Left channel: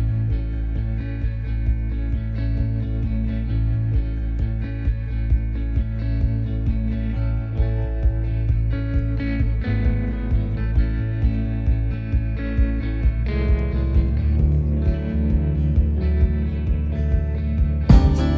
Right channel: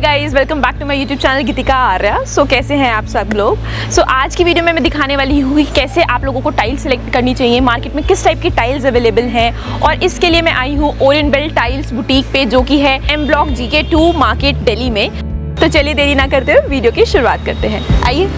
Hi guys, welcome back to my YouTube channel Geetika Arya. कैसे हैं आप सब लोग। आज की वीडियो में मैं दिखाने वाली हूँ कि कैसे आप लोगों को टाइल्स सेलेक्ट करनी चाहिए, मार्केट में किस टाइप की टाइल्स अवेलेबल हैं। और इसके लिए मैं आई हूँ ओरिएंट बेल्ट टाइल्स बुटीक पे, जो कि है M block GK2 market Delhi में। तो चलिए देरी ना करते हुए वीडियो की शुरुआत करते हैं, आइए।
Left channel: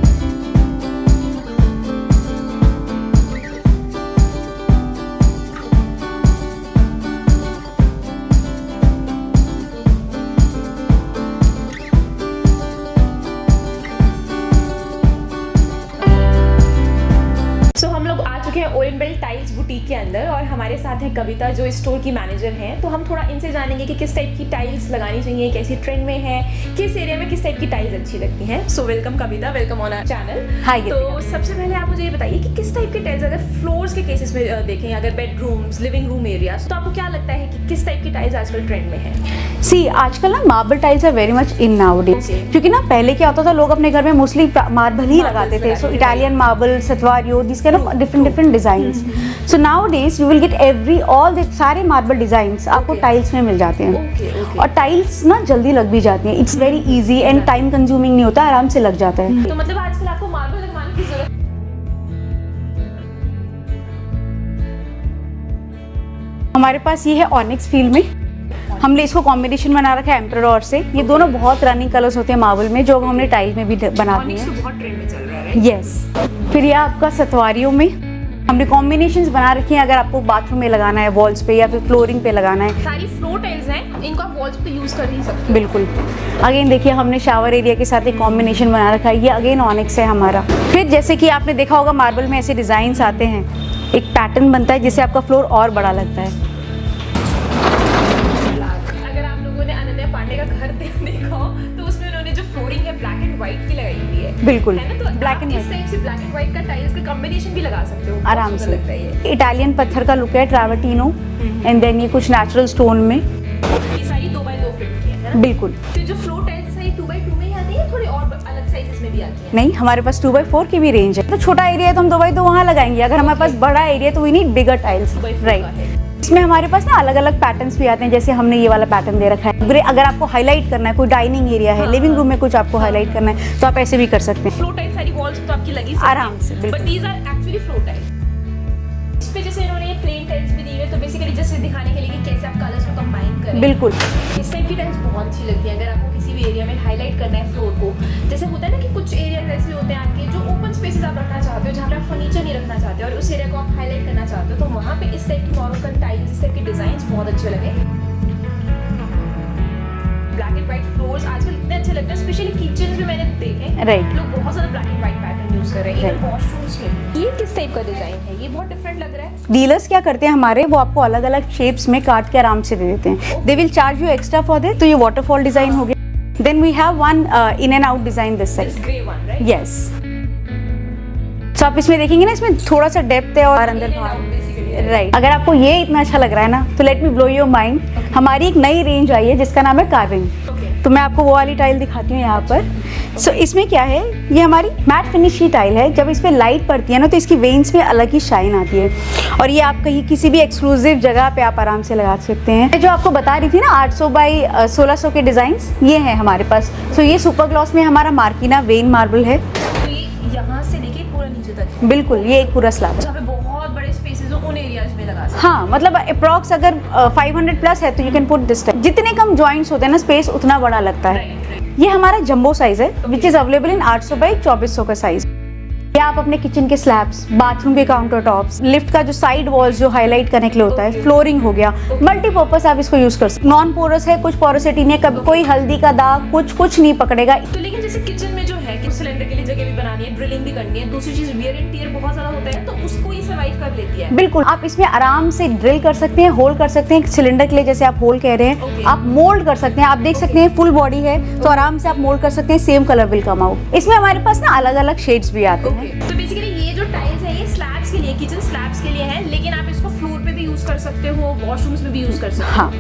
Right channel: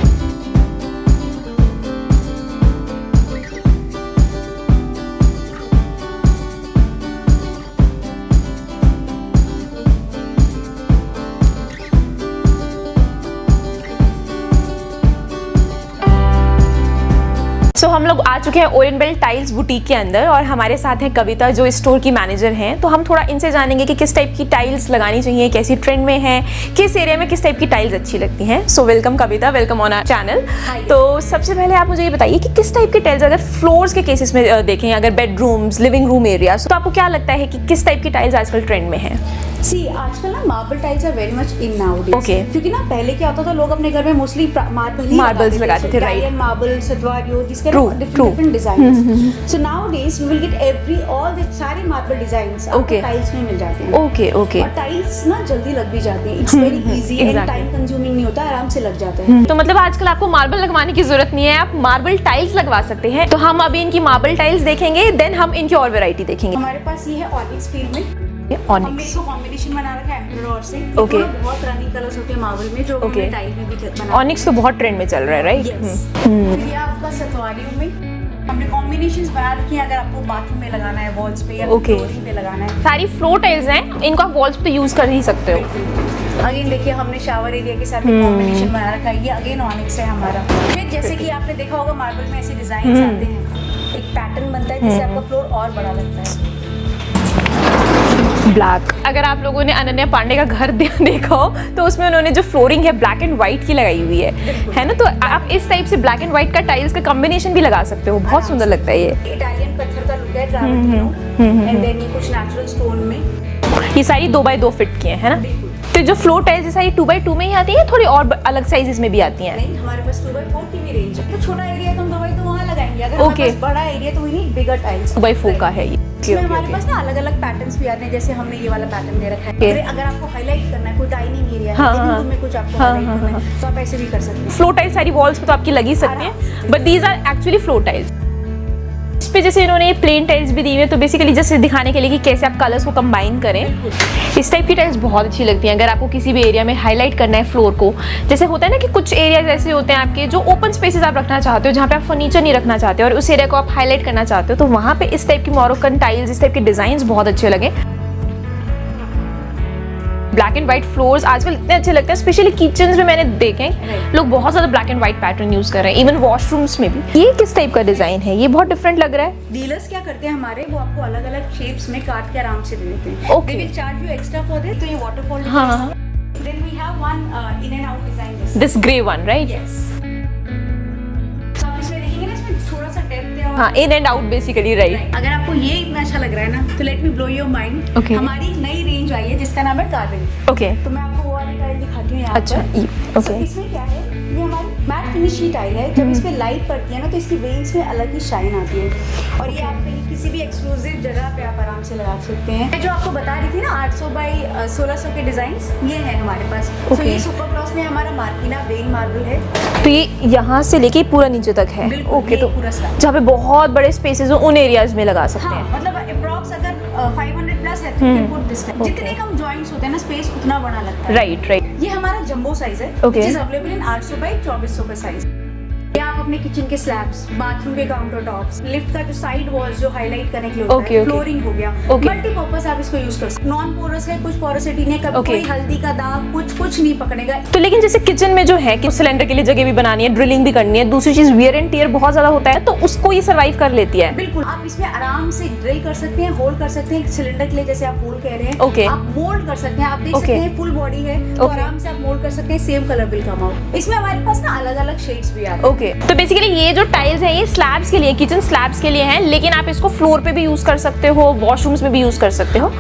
हम लोग आ चुके हैं ओरिएंट बेल्ट टाइल्स बुटीक के अंदर और हमारे साथ है कविता, जो स्टोर की मैनेजर हैं। तो हम थोड़ा इनसे जानेंगे कि किस टाइप की टाइल्स लगानी चाहिए, कैसी ट्रेंड में है, किस एरिया में किस टाइप की टाइल्स अच्छी लगती हैं। So welcome Kavita, welcome on our channel. तो सबसे पहले आप मुझे ये बताइए कि किस टाइप की टाइल्स, अगर फ्लोर्स के केसेस में देखें, अगर बेडरूम्स, लिविंग रूम एरियाज, तो आपको क्या लगता है कि किस टाइप की टाइल्स आजकल ट्रेंड में है? सी आजकल ना marble tiles are very much in nowadays. Okay. क्योंकि ना पहले क्या होता था, लोग अपने घर में मोस्टली मार्बल्स लगाते थे। Italian marble, statuario, this kind of different designs. So nowadays we will get all the सारे मार्बल डिजाइन्स आपको टाइल्स में मिल जाते हैं। Okay okay. और टाइल्स ना जल्दी लग भी जाती हैं। It's very easy and time consuming नहीं होता, आराम से लग जाता है। तो मतलब आजकल आपको मार्बल लगवाने की जरूरत नहीं है, आप मार्बल टाइल्स लगवा सकते हैं। तो हम अभी इनकी मार्बल टाइल्स देखेंगे, देन हम इनकी और वैरायटी देखेंगे। हमारे पास ये है ऑनिक्स फील्ड में। हमने इसको कॉम्बिनेशन बना रखा है एम्परडोर से। ये दोनों बहुत रनिंग कलर्स होते हैं मार्बल में, जो हमने टाइल में भी बना। ऑनिक्स तो बहुत ट्रेंड में चल रहा है, राइट? यस। फिर ये आपका सतवारियों में हमने कॉम्बिनेशंस बना रखी हैं, अगर आपको बाथरूम में लगाना है, वॉल्स पे या फ्लोरिंग पे लगाना है। सारी फ्लोर टाइल्स हैं, इनको आप वॉल्स पे यूज कर ही सकते हो। बिल्कुल। अगेन देखिए, हमने शावर एरिया के साथ एक कॉम्बिनेशन बना रखा है। ये अगेन ऑनिक्स है हमारा। फिर जैसे कि आपने देखा होगा, मार्बल में ऐसे डिजाइन आते हैं, एक पैटर्न बनता है जिससे आपका फ्लोर और बड़ा लगता है। ब्लैक। अगर आप लोगों ने अनन्या पांडे का घर देखा हो तो उसमें उन्होंने जो फ्लोरिंग है ब्लैक एंड व्हाइट की लगाई हुई है। बिल्कुल है ना। तो आप इस टाइप से ब्लैक एंड व्हाइट का टाइल्स का कॉम्बिनेशन भी लगा सकते हो, बहुत सुंदर लगता है। ये इटालियन पत्थर का लुक है, ट्रैवर्टिनो, एंड देन ये कुछ नेचुरल स्टोन में। ये सारी 2x2 फिट की है ना? बिल्कुल। तो जो फ्लोर टाइल्स है सारी 2x2 में ही आती है, थोड़ी और अलग साइजेस में भी आती हैं? नहीं, हमारे पास 2x4 की भी रेंज है। तो छोटा एरिया है तो हम 2x2 वहाँ लगाएंगे। अगर हमारे पास बड़ा एरिया तो we need bigger tiles. 2x4 का है ये। इसमें हमारे पास ना अलग अलग पैटर्न्स भी आते हैं, जैसे हमने ये वाला पैटर्न दे रखा है। अगर आपको हाईलाइट करना है, कोई डाइनिंग एरिया है, लिविंग रूम में कुछ आपको हाईलाइट करना है, तो आप ऐसे भी कर सकते हैं। फ्लोर टाइल्स सारी वॉल्स पे तो आपकी लगी सकती है, but these are actually floor tiles. इस पे जैसे इन्होंने ये प्लेन टाइल्स भी दी हुई है, तो बेसिकली जैसे दिखाने के लिए कि कैसे आप कलर्स को कंबाइन करें। बिल्कुल। इस टाइप की टाइल्स बहुत अच्छी लगती हैं। अगर आपको किसी भी एरिया में हाईलाइट करना है फ्लोर को, जैसे होता है ना कि कुछ एरियाज ऐसे होते हैं आपके जो ओपन स्पेसेस आप रखना चाहते हो, जहाँ पे आप फर्नीचर नहीं रखना चाहते हो और उस एरिया को आप हाईलाइट करना चाहते हो, तो वहाँ पे इस टाइप की मोरोकन टाइल्स, इस टाइप के डिजाइन बहुत अच्छे लगे। ब्लैक एंड व्हाइट फ्लोर्स आजकल इतने अच्छे लगते हैं, स्पेशली किचन में मैंने देखे लोग बहुत ज्यादा black and white pattern use कर रहे हैं, इवन वॉशरूम्स में भी। ये किस टाइप का डिजाइन है? ये बहुत डिफरेंट लग रहा है। डीलर्स क्या करते हैं हमारे, वो आपको अलग अलग शेप्स में काट के आराम से दे देते हैं। They will charge you extra for this. तो ये वाटरफॉल डिजाइन हो गया। Then we have one in and out design, this grey one, right? Yes. तो आप इसमें देखेंगे ना, इसमें थोड़ा सा डेप्थ है और इन एंड आउट बेसिकली, राइट? अगर आपको ये इतना अच्छा लग रहा है ना, तो let me blow your mind. हमारी एक नई रेंज आई है जिसका नाम है कार्विंग। ओके। तो मैं आपको वो वाली टाइल दिखाती हूँ यहाँ पर। सो इसमें क्या है, ये हमारी मैट फिनिश की टाइल है। जब इस पे लाइट पड़ती है ना, तो इसकी वेन्स पे अलग ही शाइन आती है, और ये आप कहीं किसी भी एक्सक्लूसिव जगह पे आप आराम से लगा सकते हैं। जो आपको बता रही थी ना 800 बाई 1600 के डिजाइन, ये है हमारे पास। तो ये सुपर ग्लॉस में हमारा मार्किना वेन मार्बल है। तो ये यहाँ से लेके पूरा नीचे तक है? बिल्कुल। ये पूरा स्लैब जहाँ पे बहुत बड़े स्पेसेस हो, उन एरियाज में लगा सकते हैं। हाँ, मतलब अप्रॉक्स अगर 500 प्लस है तो you can put this type. जितने कम जॉइंट्स होते हैं ना, स्पेस उतना बड़ा लगता है। Right right. ये हमारा जंबो साइज है, which is available in 800 by 2400 का साइज। ये आप अपने किचन के स्लैब्स, बाथरूम के काउंटर टॉप्स, लिफ्ट का जो साइड वॉल्स जो हाईलाइट करने के लिए होता है, फ्लोरिंग हो गया, मल्टीपर्पज आप इसको यूज कर सकते हैं। नॉन पोरस है, कुछ पोरोसिटी नहीं, कभी कोई हल्दी का दाग कुछ नहीं पकड़ेगा। तो लेकिन जैसे किचन में जो है कि सिलेंडर के लिए जगह भी बनानी है, ड्रिलिंग भी करनी है, दूसरी चीज वियर एंड टियर बहुत ज्यादा होता है, तो उसको ये सर्वाइव कर लेती है। बिल्कुल। आप इसमें आराम से ड्रिल कर सकते हैं, होल कर सकते हैं। सिलेंडर के लिए जैसे आप होल कह रहे हैं, आप मोल्ड कर सकते हैं। आप देख सकते हैं फुल बॉडी है, तो आराम से आप मोल्ड कर सकते हैं, same colour will come out. इसमें हमारे पास ना अलग अलग शेड्स भी आते हैं। तो बेसिकली ये जो टाइल्स है ये स्लैब्स के लिए, किचन स्लैब्स के लिए है, लेकिन आप इसको फ्लोर पे भी यूज कर सकते हो, वॉशरूम्स में भी यूज कर सकते हो।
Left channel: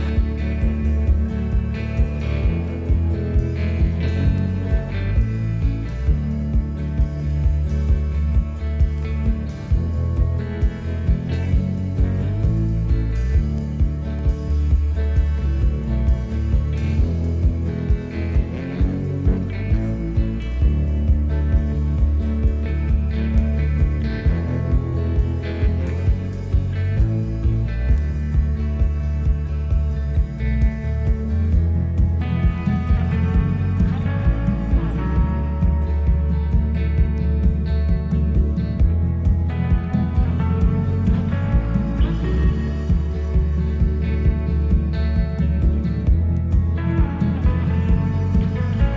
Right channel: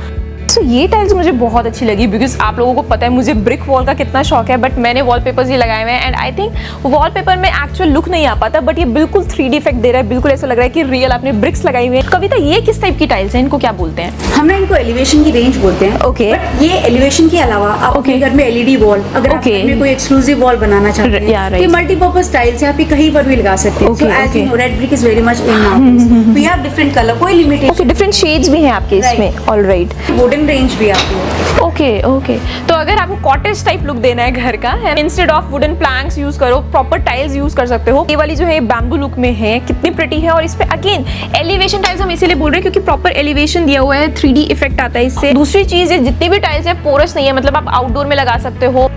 सो ये टाइल्स मुझे बहुत अच्छी लगी बिकॉज आप लोगों को पता है मुझे ब्रिक वॉल का कितना शौक है, बट मैंने वॉलपेपर्स ये लगाए हुए हैं एंड आई थिंक वॉलपेपर में एक्चुअल लुक नहीं आ पाता, बट ये बिल्कुल 3D इफेक्ट दे रहा है, बिल्कुल ऐसा लग रहा है कि रियल आपने ब्रिक्स लगाई हुई है। कविता, ये किस टाइप की टाइल्स हैं, इनको क्या बोलते हैं? हम ना इनको एलिवेशन की रेंज बोलते हैं। Okay. बट ये एलिवेशन के अलावा आप अपने घर में LED वॉल, अगर आप Okay. घर में कोई एक्सक्लूसिव वॉल बनाना चाहते हैं, Yeah, right. ये मल्टीपर्पज टाइल्स है, आप ये कहीं पर भी लगा सकते हैं। Okay, So as okay. you know, red brick is very much in nowadays. We have different color, कोई लिमिटेशन, ओके, डिफरेंट शेड्स भी हैं आपके इसमें, ऑलराइट। वुडन रेंज भी आती है। ओके ओके, तो अगर आपको कॉटेज टाइप लुक देना है घर का, instead of wooden planks use करो, प्रॉपर टाइल्स यूज कर सकते हो। ये वाली जो है बैम्बू लुक में है, कितनी प्रिटी है, और इस पे अगेन एलिवेशन टाइल्स हम इसीलिए बोल रहे हैं क्योंकि प्रॉपर एलिवेशन दिया हुआ है, 3D इफेक्ट आता है इससे। दूसरी चीज, ये जितनी भी टाइल्स है पोरस नहीं है, मतलब आप आउटडोर में लगा सकते हो।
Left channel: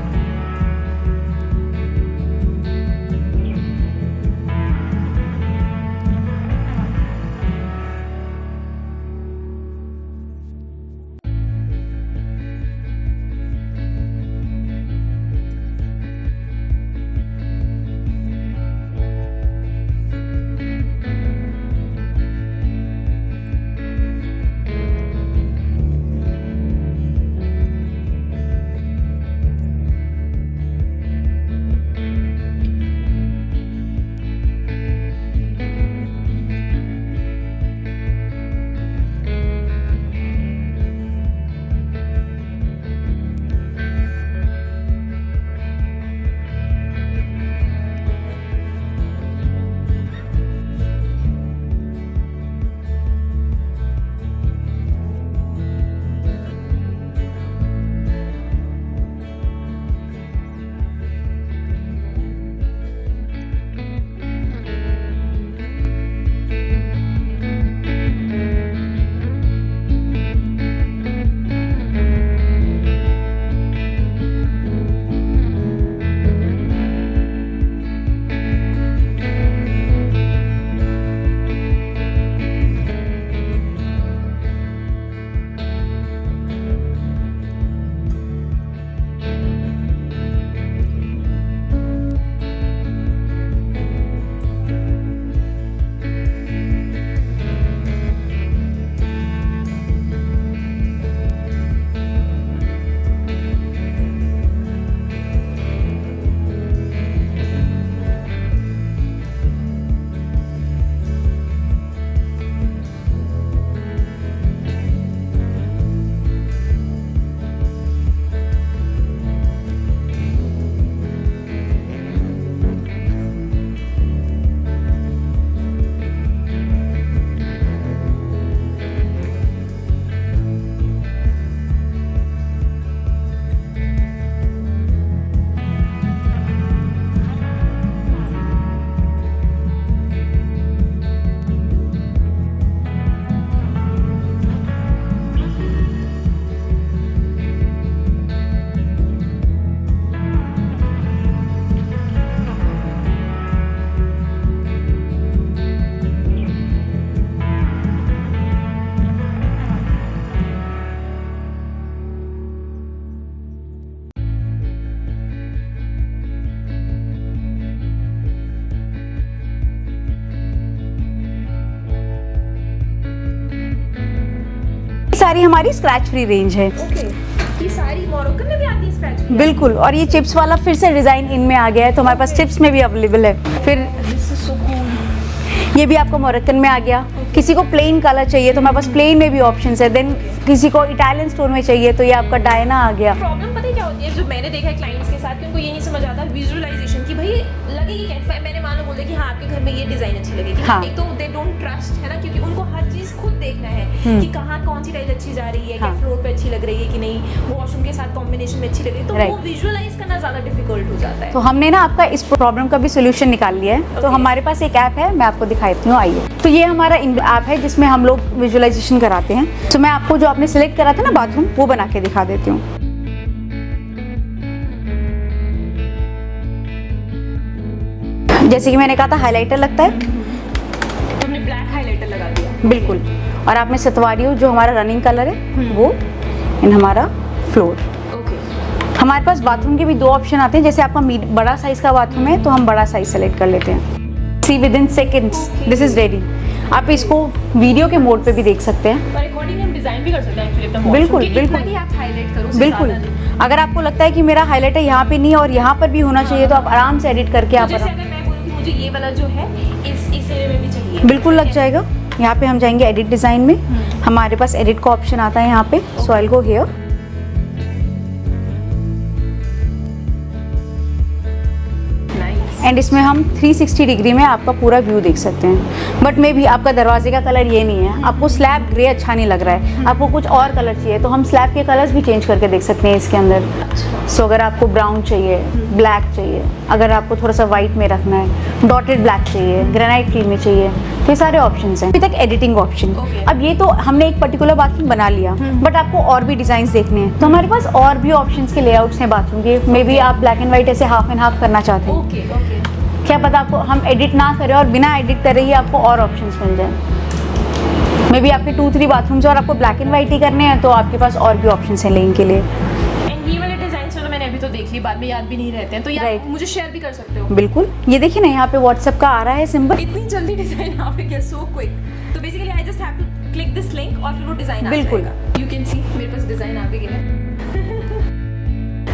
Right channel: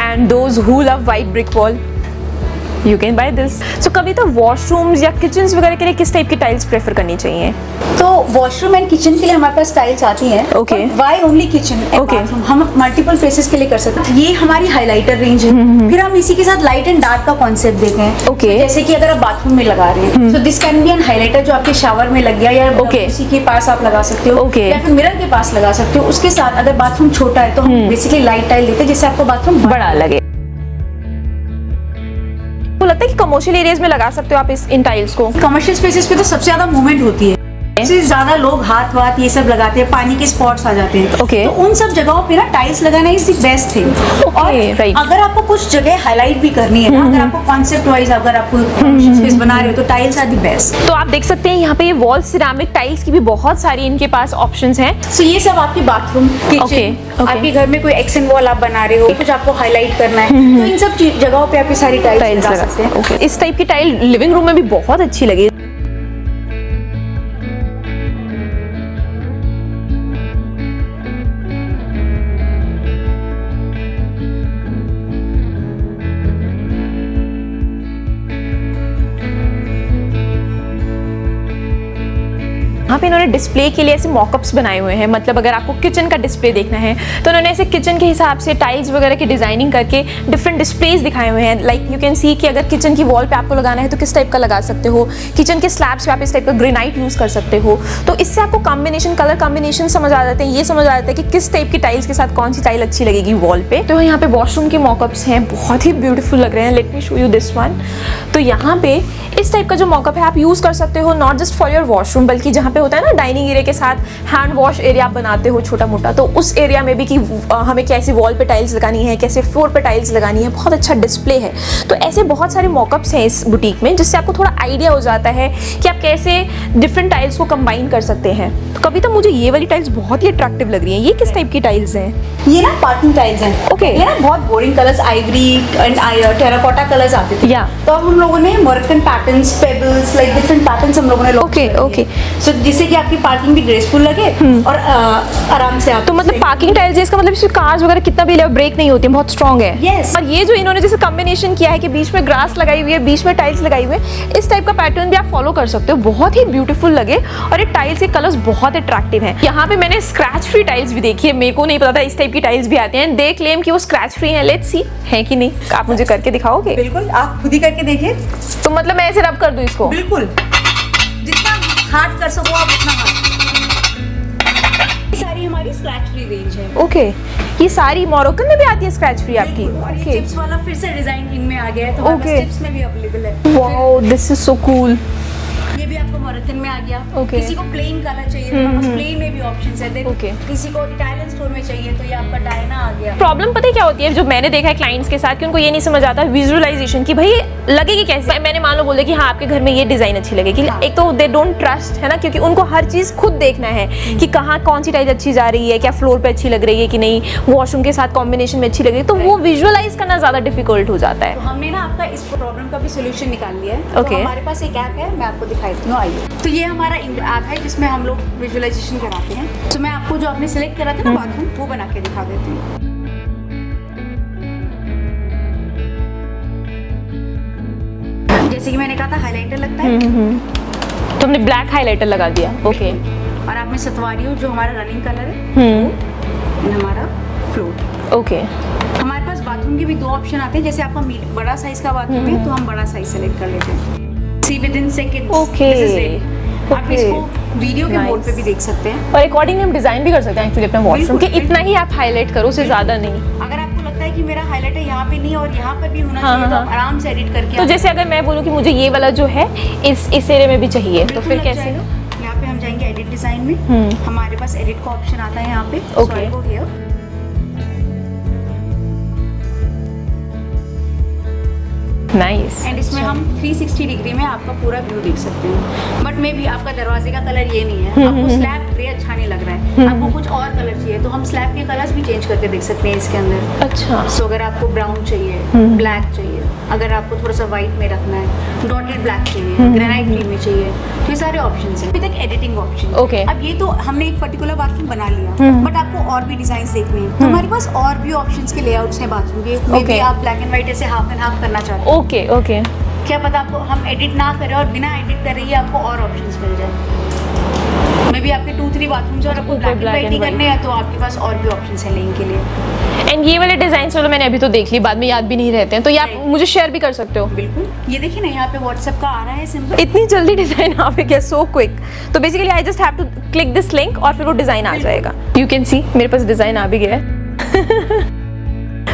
And those who love white brick wall, you can by this. So Kavita, washrooms या किचन्स वगैरह के लिए किस टाइप की टाइल्स प्रेफर करनी चाहिए? तो वॉशरूम एंड किचन के लिए हमारे पास टाइल्स आती हैं। Okay. Why only kitchen and Okay. Bathroom, हम मल्टीपल प्लेसेस के लिए कर सकते हैं। ये हमारी हाइलाइटर रेंज है। फिर हम इसी के साथ लाइट एंड डार्क का कॉन्सेप्ट देते हैं। Okay. जैसे कि अगर आप बाथरूम में लगा रहे हैं, तो this can be an highlighter जो आपके शावर में लग गया, या Okay. उसी के पास आप लगा सकते हो, Okay. या फिर मिरर के पास लगा सकते हो। उसके साथ अगर बाथरूम छोटा है तो हम बेसिकली लाइट टाइल देते हैं, जिससे आपको बाथरूम बड़ा लगे। तो लगता है कि कमर्शियल एरियाज में लगा सकते हो आप इन टाइल्स को? कमर्शियल स्पेसेस पे तो सबसे ज्यादा मूवमेंट होती है, इससे ज्यादा लोग हाथ वाथ ये सब लगाते हैं, पानी के स्पॉट्स आ जाते हैं। Okay. तो उन सब जगहों पे ना टाइल्स लगाना इज द बेस्ट थिंग। और right. अगर आपको कुछ जगह हाईलाइट भी करनी है ना, अगर आपको कॉन्सेप्ट वाइज अगर आपको स्पेस बना रहे हो, तो टाइल्स आर द बेस्ट। तो आप देख सकते हैं यहाँ पे ये वॉल सिरामिक टाइल्स की भी बहुत सारी इनके पास ऑप्शंस हैं। सो ये सब आपके बाथरूम, Okay, किचन, okay. आपके घर में कोई एक्शन वॉल आप बना रहे हो, कुछ आपको हाईलाइट करना है, तो इन सब जगहों पे आप ये सारी टाइल्स लगा सकते हैं। Okay. इस टाइप की टाइल लिविंग रूम में भी बहुत अच्छी लगी। यहाँ पे इन्होंने डिस्प्ले के लिए ऐसे मॉकअप्स बनाए हुए हैं, मतलब अगर आपको किचन का डिस्प्ले देखना है तो इन्होंने ऐसे किचन के हिसाब से टाइल्स वगैरह की डिजाइनिंग करके डिफरेंट डिस्प्लेज दिखाए हुए हैं। लाइक यू कैन सी कि अगर किचन की वॉल पे आपको लगाना है तो किस टाइप का लगा सकते हो, किचन के स्लैब्स पे आप इस टाइप का ग्रेनाइट यूज कर सकते हो। तो इससे आपको कॉम्बिनेशन, कलर कॉम्बिनेशन समझ आ जाते हैं, ये समझ आ जाता है कि किस टाइप की टाइल्स के साथ कौन सी टाइल अच्छी लगेगी वॉल पे। तो यहाँ पे वॉशरूम के मॉकअप्स हैं, बहुत ही ब्यूटीफुल लग रहे हैं। Let me show you this one. तो यहाँ पे इस टाइप का जो मॉकअप है आप यूज कर सकते हो, not just for your washroom, बल्कि जहाँ पे होता है ना डाइनिंग एरिया के साथ हैंड वॉश एरिया आप बनाते हो छोटा मोटा, तो उस एरिया में भी कि हमें कैसे वॉल पे टाइल्स लगानी है, कैसे फ्लोर पे टाइल्स लगानी है, बहुत अच्छा डिस्प्ले है। तो ऐसे बहुत सारे मॉकअप्स हैं इस बुटीक में, जिससे आपको थोड़ा आइडिया हो जाता है कि आप कैसे डिफरेंट टाइल्स को कंबाइन कर सकते हैं। तो कविता, मुझे ये वाली टाइल्स बहुत ही अट्रैक्टिव लग रही हैं। ये किस टाइप की टाइल्स हैं? ये ना पार्किंग टाइल्स हैं। Okay. ये ना बहुत boring colours, ivory and terracotta colours आते थे। Yeah. तो अब हम लोगों ने Moroccan patterns, pebbles, like different patterns हम लोगों ने Okay, okay. सो जिससे कि आपकी पार्किंग भी ग्रेसफुल लगे और आराम से आप। तो मतलब पार्किंग टाइल्स है, इसका मतलब इसमें कार्स वगैरह कितना भी ले ब्रेक नहीं होती, बहुत स्ट्रॉन्ग है। Yes. और ये जो इन्होंने जैसे कॉम्बिनेशन किया है कि बीच में ग्रास लगाई हुई है, बीच में टाइल्स लगाई हुई है, इस टाइप का पैटर्न भी आप फॉलो कर सकते हो, बहुत ही ब्यूटीफुल लगे। और ये टाइल्स के कलर्स बहुत अट्रैक्टिव हैं। यहाँ पे मैंने स्क्रैच फ्री टाइल्स भी देखी है, मेरे को नहीं पता था इस टाइप की टाइल्स भी आते हैं। दे क्लेम कि वो स्क्रैच फ्री हैं, लेट्स सी है कि नहीं। आप मुझे करके दिखाओगे? बिल्कुल, आप खुद ही करके देखिए। तो मतलब मैं ऐसे रब कर दूं इसको? बिल्कुल, जितना हार्ड कर सको आप उतना हार्ड। सारी हमारी स्क्रैच फ्री रेंज है। ओके, ये सारी मोरक्कन में भी आती है स्क्रैच फ्री? बिल्कुल, और ये चिप्स वाला फिर से डिजाइन इनमें आ गया है, तो हमारे पास Okay. चिप्स में भी अवेलेबल है। फिर दिस इज सो कूल। ये भी आपको मोरक्कन में आ गया। Okay. किसी को प्लेन कलर चाहिए तो हमारे पास प्लेन में भी ऑप्शंस है। Then Okay. किसी को इटालियन स्टोन में चाहिए तो ये आपका डायना आ गया। प्रॉब्लम पता है क्या होती है, जो मैंने देखा है क्लाइंट्स के साथ, कि उनको ये नहीं समझ आता विजुअलाइजेशन कि भाई लगेगी कैसे। मैंने मान लो बोल दिया कि हाँ आपके घर में ये डिजाइन अच्छी लगेगी, हाँ। एक तो दे डोंट ट्रस्ट है ना, क्योंकि उनको हर चीज खुद देखना है कि कहाँ कौन सी टाइल अच्छी जा रही है, क्या फ्लोर पे अच्छी लग रही है कि नहीं, वॉशरूम के साथ कॉम्बिनेशन में अच्छी लग रही है, तो वो विजुअलाइज करना ज्यादा डिफिकल्ट हो जाता तो है। हमने ना आपका इस प्रॉब्लम का भी सोल्यूशन निकाल लिया है। तो Okay. हमारे पास एक ऐप है, मैं आपको दिखाती हूँ, आइए। तो ये हमारा ऐप है जिसमें हम लोग विजुअलाइजेशन कराते हैं। तो मैं आपको जो आपने सिलेक्ट करा था ना बाथरूम, वो बना के दिखा देती हूँ। जैसे कि मैंने कहा था हाइलाइटर लगता है, तो हमने ब्लैक हाइलाइटर लगा दिया। बिल्कुल। और आप में सतवारी हो जो हमारा रनिंग कलर है वो, एंड हमारा फ्लोर। ओके, हमारे पास बाथरूम के भी दो ऑप्शन आते हैं। जैसे आपका बड़ा साइज का बाथरूम है तो हम बड़ा साइज सेलेक्ट कर लेते हैं। See within seconds Okay. This is ready. आप इसको वीडियो के मोड पे भी देख सकते हैं। और अकॉर्डिंग हम डिजाइन भी कर सकते हैं एक्चुअली अपने वॉशरूम बिल्कुल, कि इतना ही आप हाईलाइट करो, उससे बिल्कुल। ज्यादा नहीं। अगर आपको लगता है कि मेरा हाईलाइटर यहाँ पे नहीं है और यहाँ पर भी होना हाँ, चाहिए तो हाँ। आप आराम से एडिट करके तो आप जैसे अगर मैं बोलूँ कि मुझे ये वाला जो है इस एरिया में भी चाहिए, तो बिल्कुल फिर लग कैसे? जाएगा। यहाँ पे हम जाएंगे एडिट डिजाइन में, हमारे पास एडिट का ऑप्शन आता है यहाँ पे। सो आई गो हियर, नाइस। एंड इसमें हम 360 डिग्री में आपका पूरा व्यू देख सकते हैं। बट मे भी आपका दरवाजे का कलर ये नहीं है, आपको स्लैब ग्रे अच्छा नहीं लग रहा है, आपको कुछ और कलर चाहिए तो हम स्लैब के कलर्स भी चेंज करके देख सकते हैं इसके अंदर। अच्छा। सो अगर आपको ब्राउन चाहिए, ब्लैक चाहिए, अगर आपको थोड़ा सा व्हाइट में रखना है, डॉटेड ब्लैक चाहिए, ग्रेनाइट क्रीम में चाहिए, ये सारे ऑप्शंस हैं। अभी तक एडिटिंग ऑप्शन। Okay. अब ये तो हमने एक पर्टिकुलर बाथरूम बना लिया, बट आपको और भी डिजाइन देखने हैं तो हमारे पास और भी ऑप्शंस के लेआउट्स हैं बाथरूम के। May be Okay. आप ब्लैक एंड व्हाइट ऐसे हाफ एंड हाफ करना चाहते हैं, ओके ओके। क्या पता आपको हम एडिट ना करें और बिना एडिट करे ही आपको और ऑप्शंस मिल जाए। मे बी आपके 2-3 बाथरूम और आपको ब्लैक एंड व्हाइट ही करने हैं तो आपके पास और भी ऑप्शंस हैं लेने के लिए। एंड ये वाले डिजाइन चलो मैंने अभी तो देख ली, बाद में याद भी नहीं रहते हैं, तो ये आप Right. मुझे शेयर भी कर सकते हो। बिल्कुल, ये देखिए ना यहाँ पे व्हाट्सएप का आ रहा है सिंबल। इतनी जल्दी डिजाइन आ गया, सो क्विक। तो basically I just have to click this link और फिर वो डिजाइन आ बिल्कुल। जाएगा। यू कैन सी मेरे पास डिजाइन आ भी गया है।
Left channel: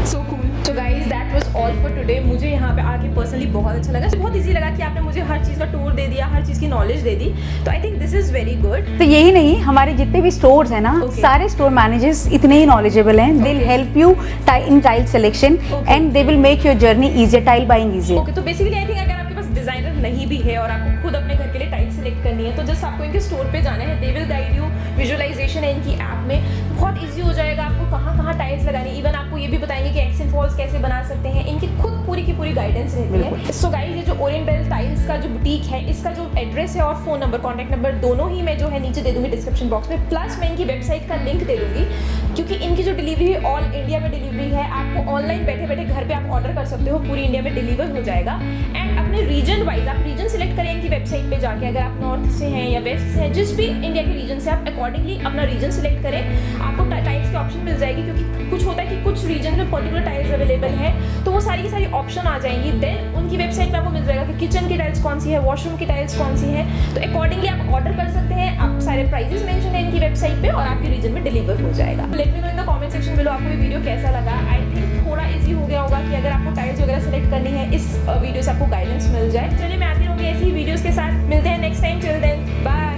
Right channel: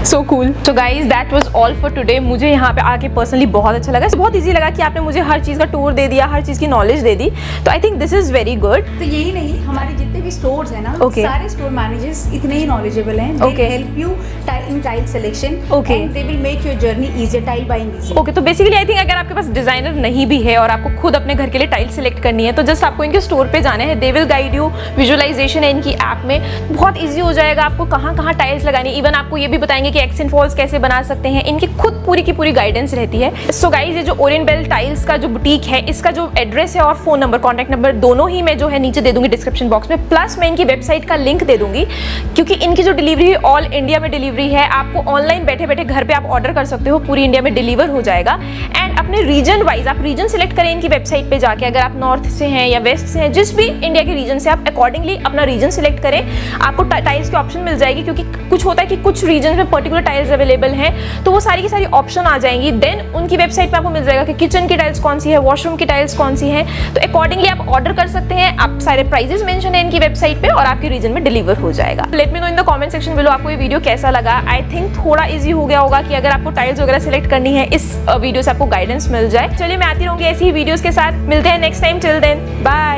So cool. So guys that was all for today. मुझे यहाँ पे आके पर्सनली बहुत अच्छा लगा, बहुत इजी लगा कि आपने मुझे हर चीज़ का टूर दे दिया, हर चीज़ की नॉलेज दे दी। तो I think this is very good. तो यही नहीं, हमारे जितने भी स्टोर्स हैं ना, Okay. सारे स्टोर मैनेजर्स इतने ही नॉलेजेबल हैं। दे Okay. Help you in tile selection Okay. And they will make your journey easier, tile buying easy. Okay, तो बेसिकली आई थिंक अगर आपके पास डिजाइनर नहीं भी है और आपको खुद अपने घर के लिए टाइल सेलेक्ट करनी है तो जस्ट आपको इनके स्टोर पे जाना है। They will guide you, visualisation है इनकी ऐप में, बहुत इजी हो जाएगा आपको कहाँ कहाँ टाइल्स लगानी। इवन आपको ये भी बताएंगे कि एक्सेंट फॉल्स कैसे बना सकते हैं, इनकी खुद पूरी की पूरी गाइडेंस रहती है। सो गाइज ये जो ओरिएंट बेल टाइल्स का जो बुटीक है, इसका जो एड्रेस है और फोन नंबर, कॉन्टैक्ट नंबर दोनों ही मैं जो है नीचे दे दूंगी डिस्क्रिप्शन बॉक्स में, प्लस मैं इनकी वेबसाइट का लिंक दे दूंगी क्योंकि इनकी जो डिलीवरी है ऑल इंडिया में डिलीवरी है। आपको ऑनलाइन बैठे बैठे घर पे आप ऑर्डर कर सकते हो, पूरी इंडिया में डिलीवर हो जाएगा। एंड अपने रीजन वाइज आप रीजन सेलेक्ट करें इनकी वेबसाइट पे जाके, अगर आप नॉर्थ से हैं या वेस्ट से हैं, जिस भी इंडिया के रीजन से, आप अकॉर्डिंगली अपना रीजन सेलेक्ट करें, आपको टाइल्स के ऑप्शन मिल जाएगी। क्योंकि कुछ होता है कि कुछ रीजन में पर्टिकुलर टाइल्स अवेलेबल हैं तो वो सारी की सारी ऑप्शन आ जाएंगी। देन उनकी वेबसाइट पे आपको मिल जाएगा कि किचन की टाइल्स कौन सी है, वॉशरूम की टाइल्स कौन सी हैं, तो अकॉर्डिंगली आप ऑर्डर कर सकते हैं। आप सारे प्राइजेस मेंशन है इनकी वेबसाइट पे और आपके रीजन में डिलीवर हो जाएगा। Let me know in the comment section below आपको ये वीडियो कैसा लगा। आई थिंक थोड़ा इजी हो गया होगा कि अगर आपको टाइल्स वगैरह सेलेक्ट करनी है इस वीडियो से आपको गाइडेंस मिल जाए। चलिए मैं आती रहूंगी ऐसी ही वीडियोस के साथ, मिलते हैं next time. Till then bye.